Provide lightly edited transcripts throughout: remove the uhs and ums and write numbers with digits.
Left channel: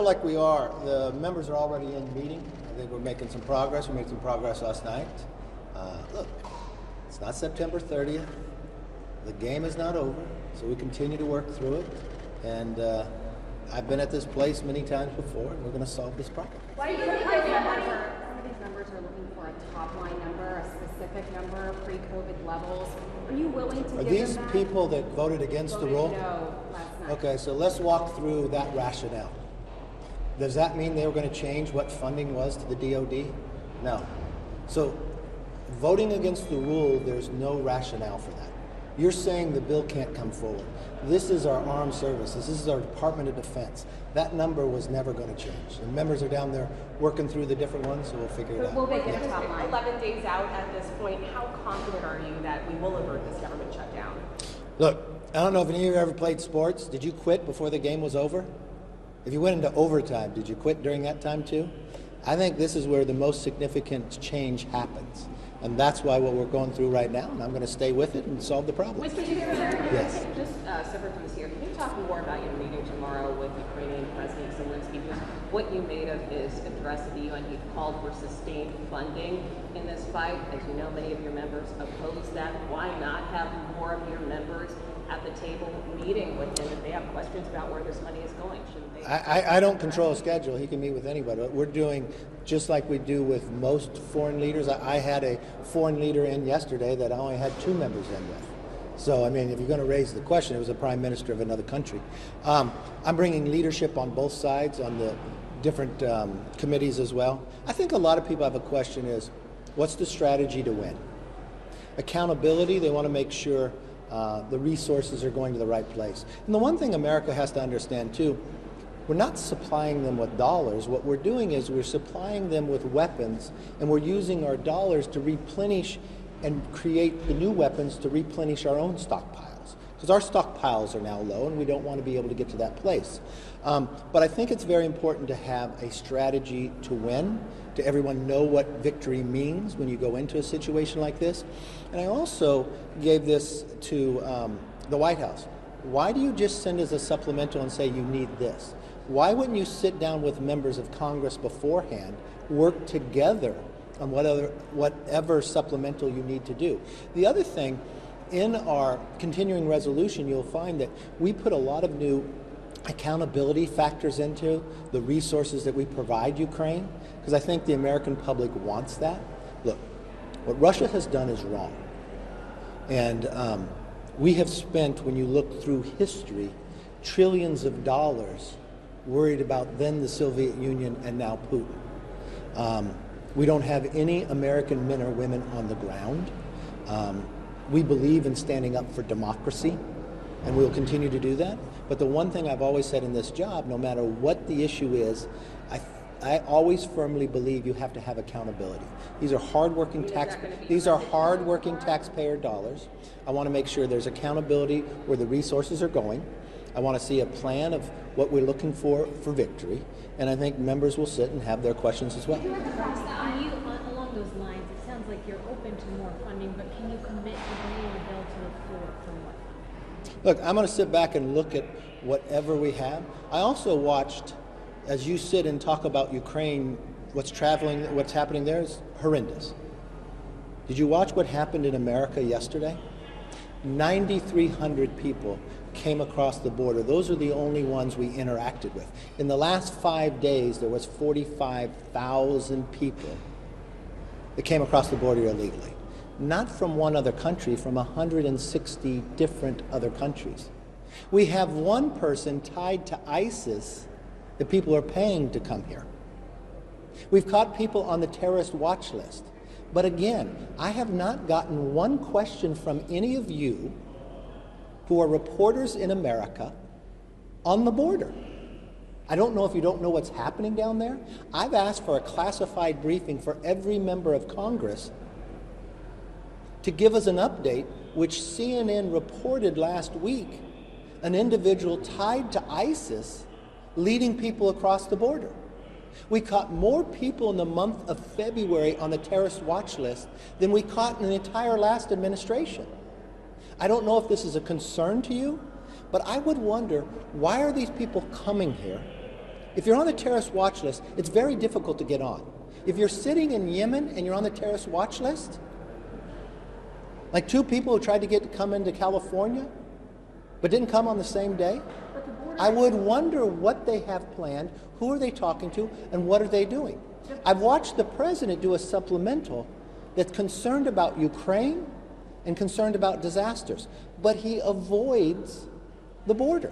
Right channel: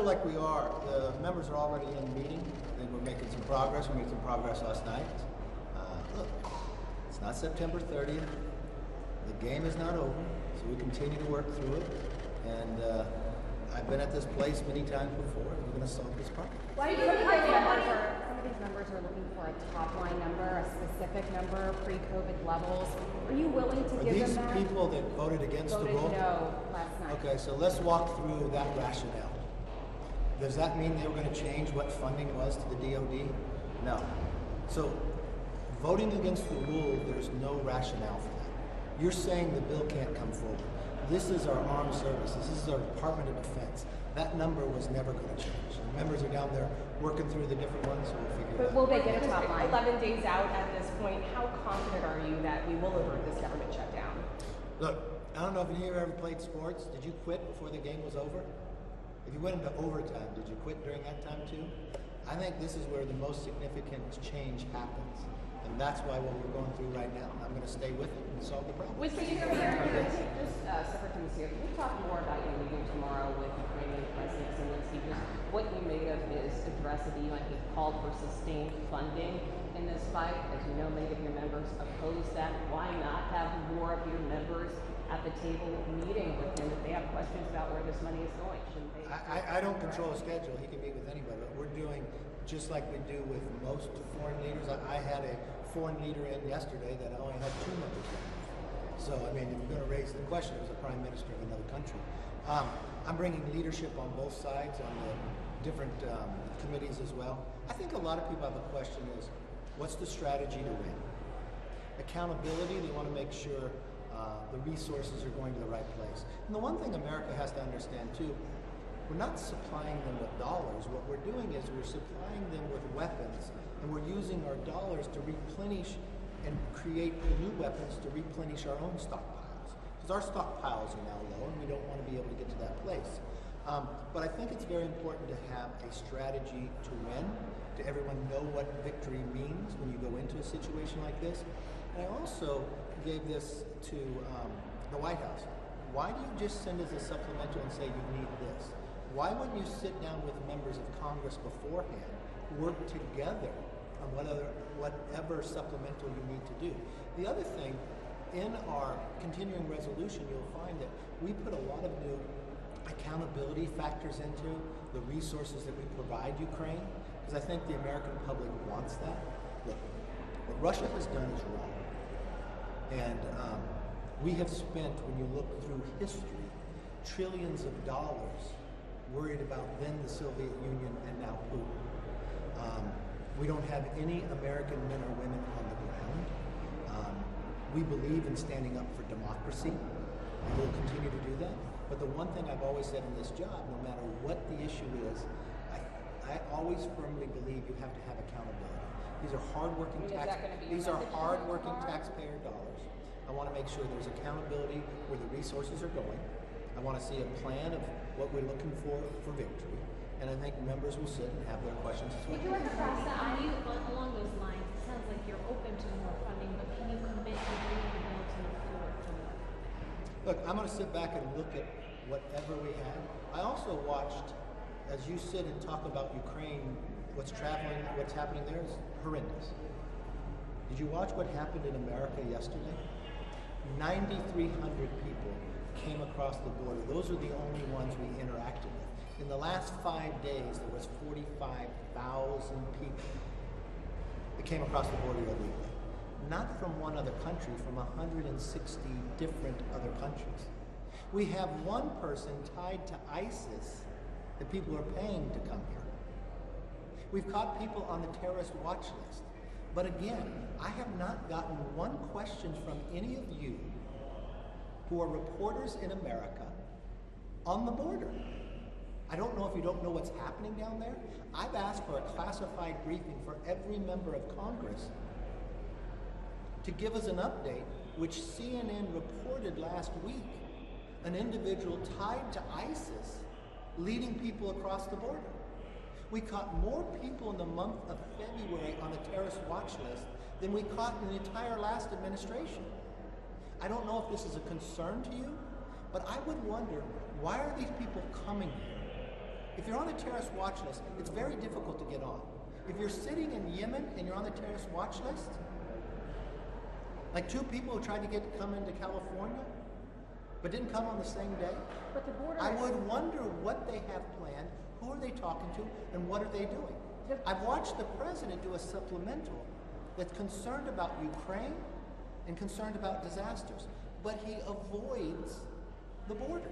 feel like we are. The members are already in meeting. I think we're making some progress. We made some progress last night. Look, it's not September 30th. The game is not over, so we continue to work through it. And I've been at this place many times before, and we're going to solve this problem. Why do you think some of these members are looking for a top-line number, a specific number, pre-COVID levels? Are you willing to give them that? Are these people that voted against the rule? No last night. Okay, so let's walk through that rationale. Does that mean they were going to change what funding was to the DOD? No. So voting against the rule, there's no rationale for that. You're saying the bill can't come forward. This is our armed services. This is our Department of Defense. That number was never going to change. The members are down there working through the different ones, so we'll figure it out. Will they get a top line? 11 days out at this point, how confident are you that we will avert this government shutdown? Look, I don't know if any of you ever played sports. Did you quit before the game was over? If you went into overtime, did you quit during that time too? I think this is where the most significant change happens. And that's why what we're going through right now, and I'm going to stay with it and solve the problem. Mr. Yes. Just separate from this here, can you talk more about your meeting tomorrow with Ukrainian President Zelensky? Because what you made of his address to the UN, he called for sustained funding in this fight. As you know, many of your members oppose that. Why not have more of your members at the table meeting with him if they have questions about where this money is going? Shouldn't they? I don't control a schedule. He can meet with anybody. We're doing just like we do with most foreign leaders. I had a foreign leader in yesterday that I only had 2 members in with. So, I mean, if you're going to raise the question, it was a prime minister of another country. I'm bringing leadership on both sides, on the different committees as well. I think a lot of people have a question is, what's the strategy to win? Accountability, they want to make sure the resources are going to the right place. And the one thing America has to understand too, we're not supplying them with dollars. What we're doing is we're supplying them with weapons, and we're using our dollars to replenish and create the new weapons to replenish our own stockpiles. Because our stockpiles are now low, and we don't want to be able to get to that place. But I think it's very important to have a strategy to win, to everyone know what victory means when you go into a situation like this. And I also gave this to the White House. Why do you just send us a supplemental and say you need this? Why wouldn't you sit down with members of Congress beforehand, work together on whatever supplemental you need to do? The other thing, in our continuing resolution, you'll find that we put a lot of new accountability factors into the resources that we provide Ukraine, because I think the American public wants that. Look, what Russia has done is wrong. And we have spent, when you look through history, trillions of dollars worried about then the Soviet Union and now Putin. We don't have any American men or women on the ground. We believe in standing up for democracy, and we'll continue to do that. But the one thing I've always said in this job, no matter what the issue is, I always firmly believe you have to have accountability. These are hardworking taxpayer dollars. I want to make sure there's accountability where the resources are going. I want to see a plan of what we're looking for victory, and I think members will sit and have their questions as well. Along those lines, it sounds like you're open to more funding, but can you commit to bringing the bill to the floor for more? Look, I'm going to sit back and look at whatever we have. I also watched, as you sit and talk about Ukraine, what's happening there is horrendous. Did you watch what happened in America yesterday? 9,300 people came across the border. Those are the only ones we interacted with. In the last 5 days, there was 45,000 people that came across the border illegally. Not from one other country, from 160 different other countries. We have one person tied to ISIS that people are paying to come here. We've caught people on the terrorist watch list. But again, I have not gotten one question from any of you who are reporters in America on the border. I don't know if you don't know what's happening down there. I've asked for a classified briefing for every member of Congress to give us an update, which CNN reported last week, an individual tied to ISIS leading people across the border. We caught more people in the month of February on the terrorist watch list than we caught in the entire last administration. I don't know if this is a concern to you, but I would wonder, why are these people coming here? If you're on the terrorist watch list, it's very difficult to get on. If you're sitting in Yemen and you're on the terrorist watch list, like 2 people who tried to come into California, but didn't come on the same day, But the border. I would wonder what they have planned, who are they talking to, and what are they doing? I've watched the president do a supplemental that's concerned about Ukraine and concerned about disasters, but he avoids the border.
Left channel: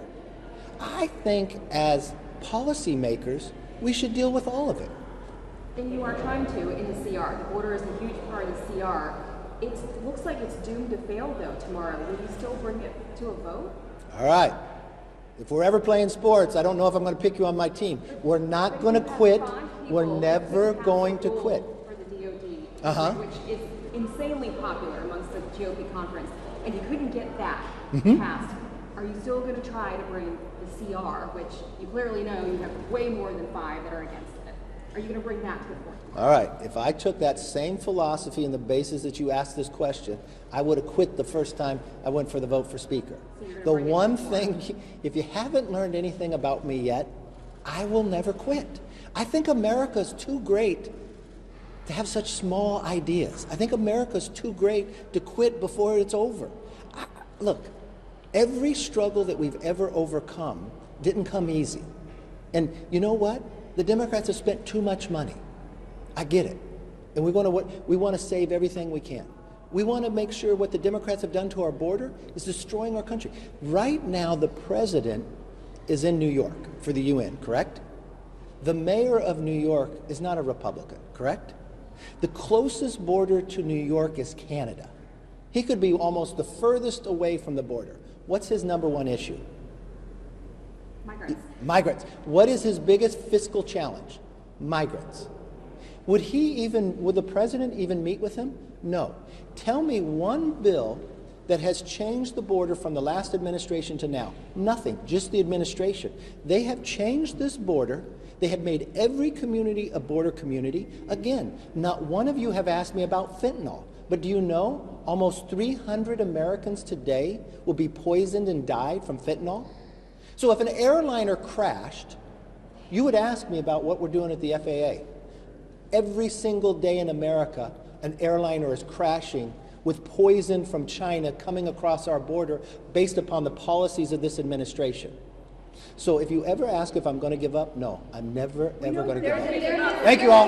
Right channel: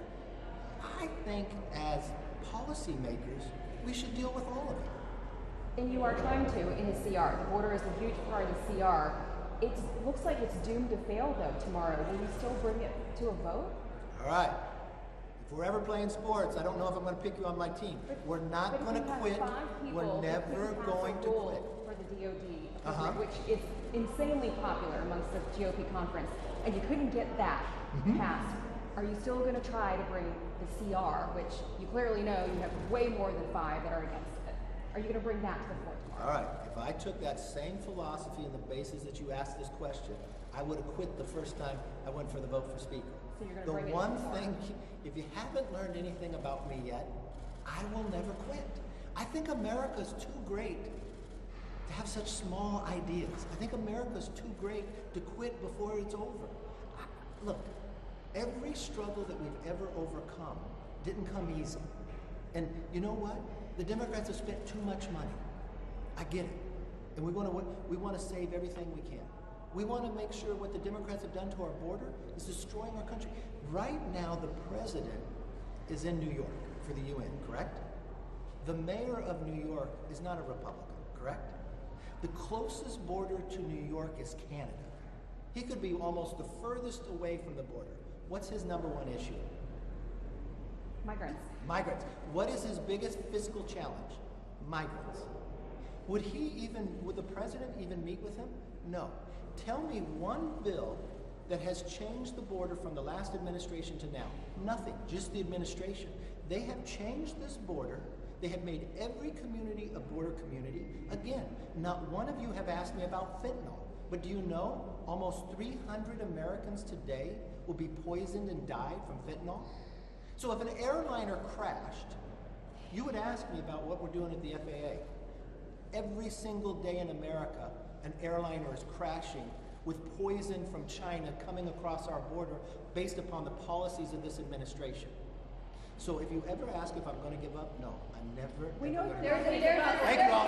I think as policymakers, we should deal with all of it. And you are trying to in the CR. The border is a huge part of the CR. It looks like it's doomed to fail, though, tomorrow. Will you still bring it to a vote? All right. If we're ever playing sports, I don't know if I'm going to pick you on my team. We're not going to quit. We're never going to quit. For the DOD, which is insanely popular amongst the GOP conference, and you couldn't get that passed. Are you still going to try to bring the CR, which you clearly know you have way more than 5 that are against it? Are you going to bring that to the floor? All right. If I took that same philosophy and the basis that you asked this question, I would have quit the first time I went for the vote for Speaker. The one thing, if you haven't learned anything about me yet, I will never quit. I think America's too great to have such small ideas. I think America's too great to quit before it's over. Look, every struggle that we've ever overcome didn't come easy. And you know what? The Democrats have spent too much money. I get it. And we want to save everything we can. We want to make sure what the Democrats have done to our border is destroying our country. Right now, the president is in New York for the UN, correct? The mayor of New York is not a Republican, correct? The closest border to New York is Canada. He could be almost the furthest away from the border. What's his #1 issue? Migrants. What is his biggest fiscal challenge? Migrants. Would the president even meet with him? No. Tell me one bill that has changed the border from the last administration to now. Nothing, just the administration. They have changed this border. They have made every community a border community. Again, not one of you have asked me about fentanyl. But do you know almost 300 Americans today will be poisoned and died from fentanyl? So if an airliner crashed, you would ask me about what we're doing at the FAA. Every single day in America, an airliner is crashing with poison from China coming across our border based upon the policies of this administration. So if you ever ask if I'm going to give up, no, I'm never, ever going to give up. Thank you all.